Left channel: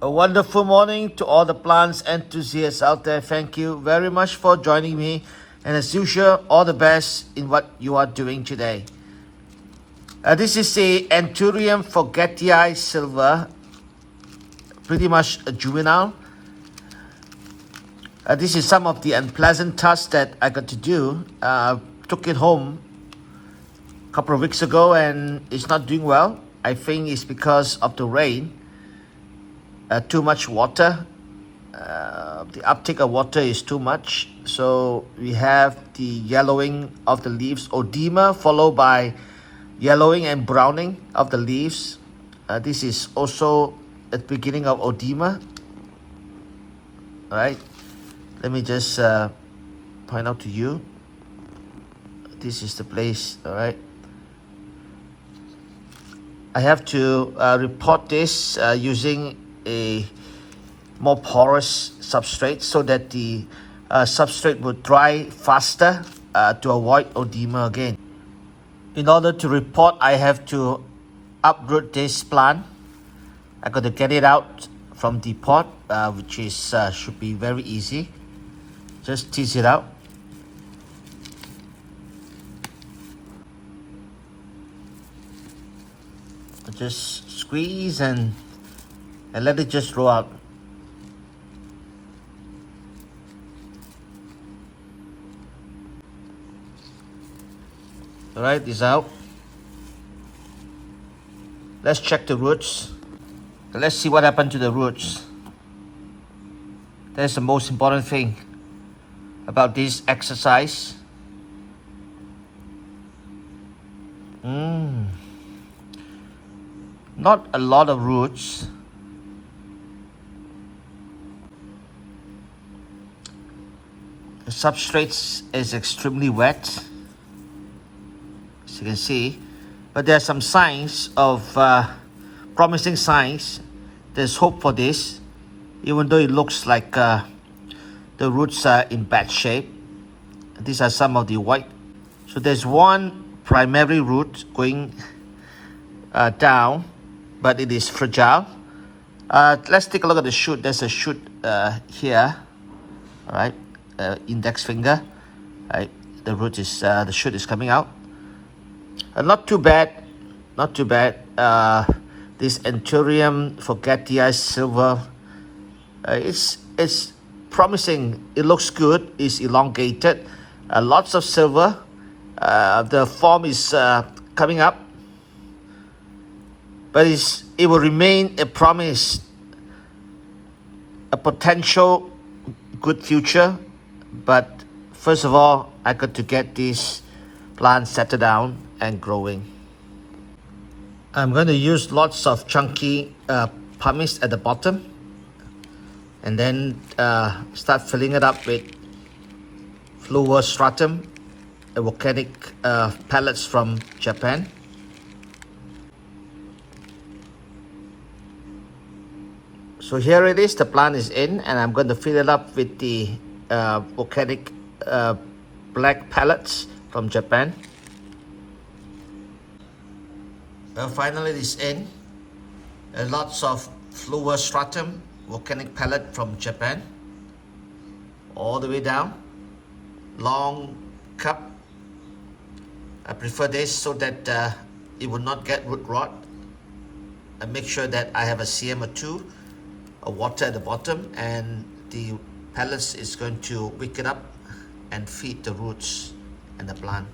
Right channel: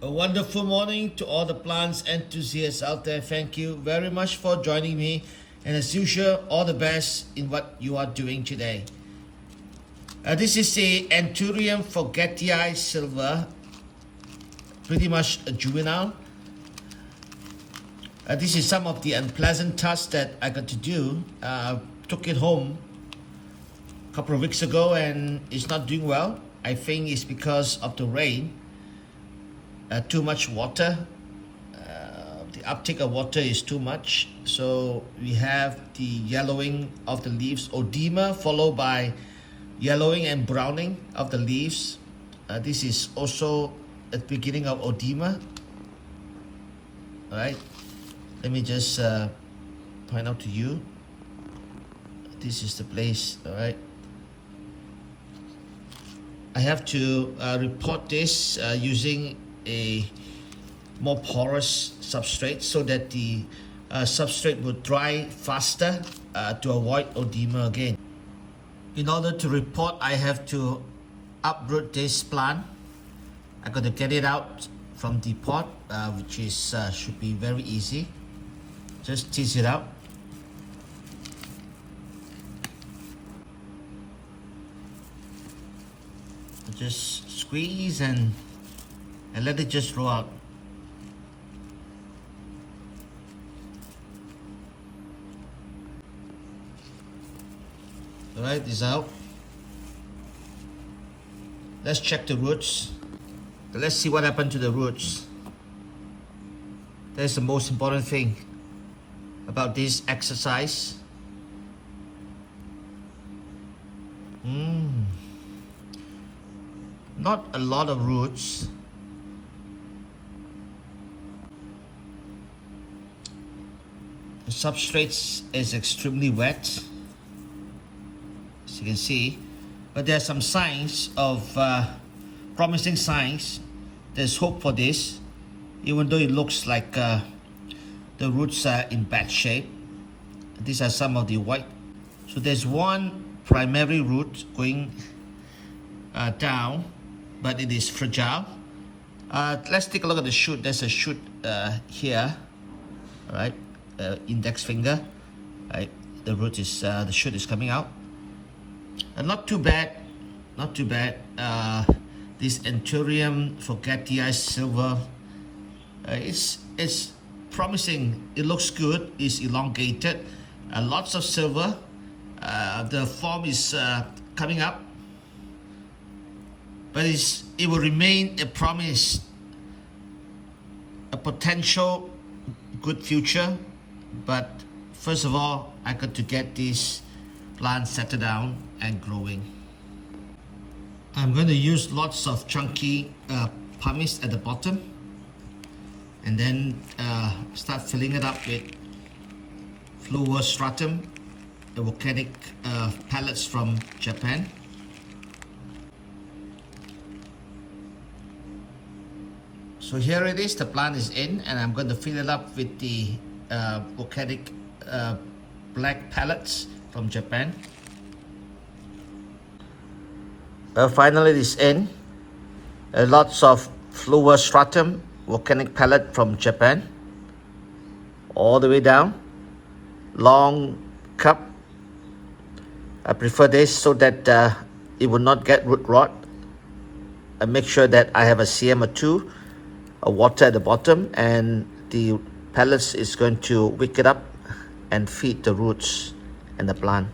A wonderful morning to all the plants enthusiasts out there. Thank you very much for joining me. And as usual, all the best in what you are doing today. This is a Anthurium Forgetii silver, pretty much a juvenile. This is some of the unpleasant tasks that I got to do. Took it home a couple of weeks ago and it's not doing well. I think it's because of the rain. Too much water. The uptake of water is too much. So we have the yellowing of the leaves, oedema, followed by yellowing and browning of the leaves. This is also at the beginning of oedema. All right. Let me just point out to you. This is the place. All right. I have to repot this using a more porous substrate so that the substrate will dry faster to avoid oedema again. In order to repot, I have to uproot this plant. I got to get it out from the pot, which is should be very easy. Just tease it out. Just squeeze and let it just roll out. All right, this out. Let's check the roots. Let's see what happened to the roots. That's the most important thing about this exercise. Not a lot of roots. The substrate is extremely wet, as you can see, but there are some signs of promising signs. There's hope for this, even though it looks like the roots are in bad shape. These are some of the white. So there's one primary root going down, but it is fragile. Let's take a look at the shoot. There's a shoot here. All right, index finger. Right, the root is the shoot is coming out. Not too bad, not too bad. This Anthurium Forgetii silver, it's promising. It looks good. It's elongated. Lots of silver. The form is coming up, but it will remain a promise, a potential good future. But first of all, I got to get this plant settled down and growing. I'm going to use lots of chunky pumice at the bottom, and then start filling it up with fluorostratum, volcanic pellets from Japan. So here it is, the plant is in, and I'm going to fill it up with the volcanic black pellets from Japan. Well, finally it is in. Lots of fluorostratum, volcanic pellet from Japan, all the way down. Long cup. I prefer this so that it will not get root rot. I make sure that I have a cm or two of water at the bottom, and the pellets is going to wick it up and feed the roots and the plant.